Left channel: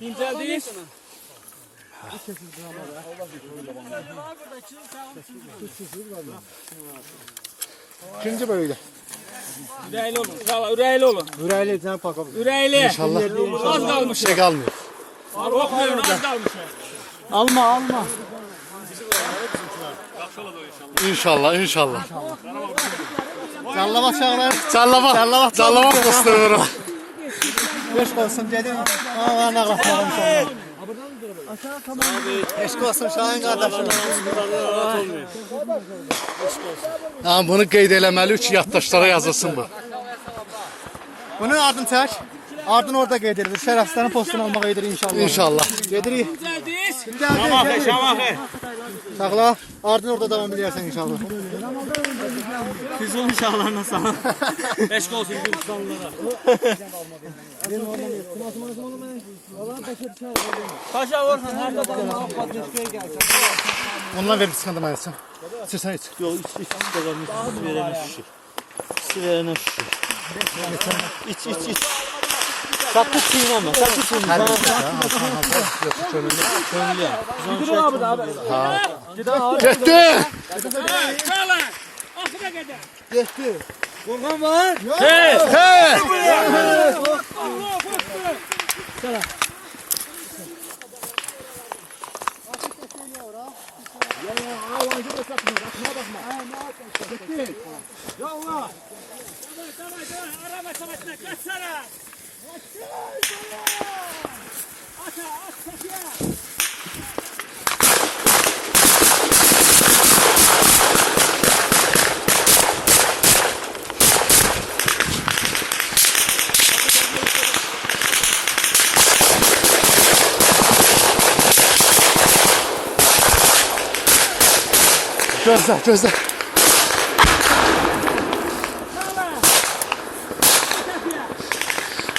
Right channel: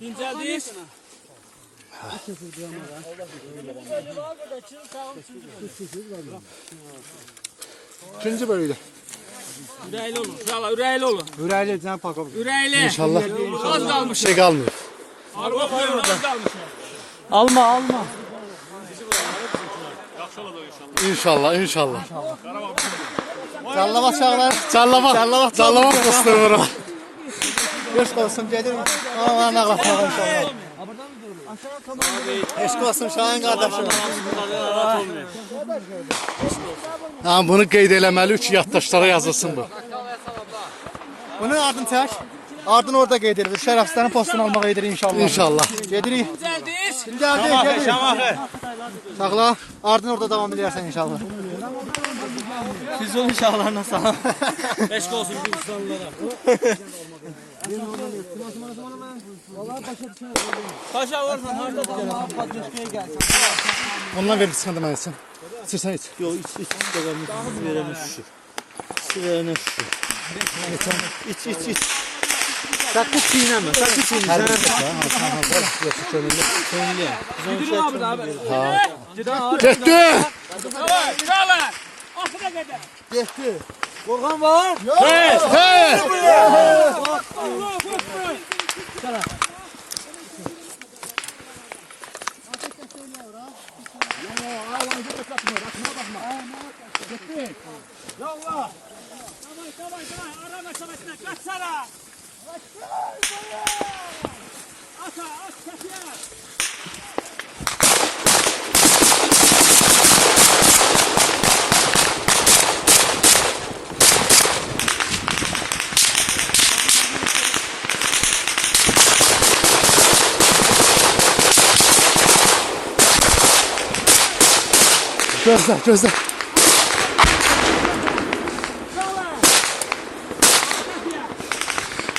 İnceldiyiz. İkinci bölümde. Ürəyli olun. İnşallah ürəyli olun. Ürəyli can pakalım. Ürəyli. İnşallah. Az kalmış. Şey kalmıyor. Araba var az kalmış. Alma. İnşallah. Callama çağlar. Callama kıstırır. Beş olsun dedim. Aman Allah inşallah. Eşk olsun Şahin kardeşim. Ha, bunu qeyd eləməli ki, yaddaşlara yazılsın bu. Bunun ardını çək. Ardını orada qeyd edilir. Şərəfsizlərin postunu almaq edilir inşallah. İnşallah. Gedirik. Şamaxı. Sağla. Ardını orada devam edərsən inşallah. Siz olun inşallah sağ. Eşk olsun bu insanlara. Paşa orhan harda tutar? Ondan verir sıkıntı mənəsin. İçirsən iç. Yok iç de gelmiş. Su verene şu. İç. Sakın çiğneme. Köylü. Gidiyor abi abi. Getdi. Geçti. Korkan var. Hey. Yallah. Tamam. Arama savaşına kaçsana. Gözlə.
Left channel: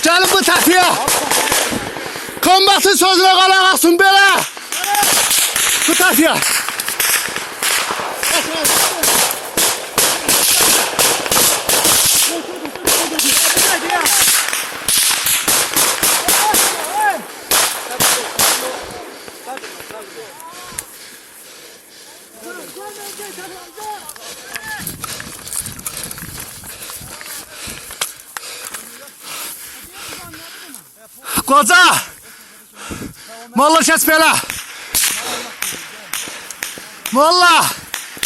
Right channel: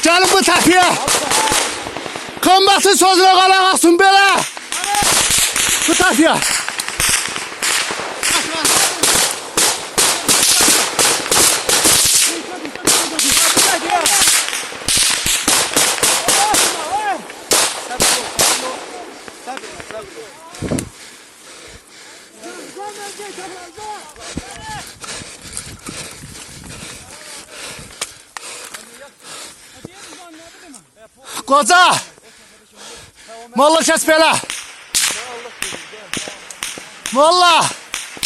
Gəlin bu təpiyə. Kombatın sözünə qalaq asın belə. Bu təpiyə. Qoca! Molla kəs belə! Molla!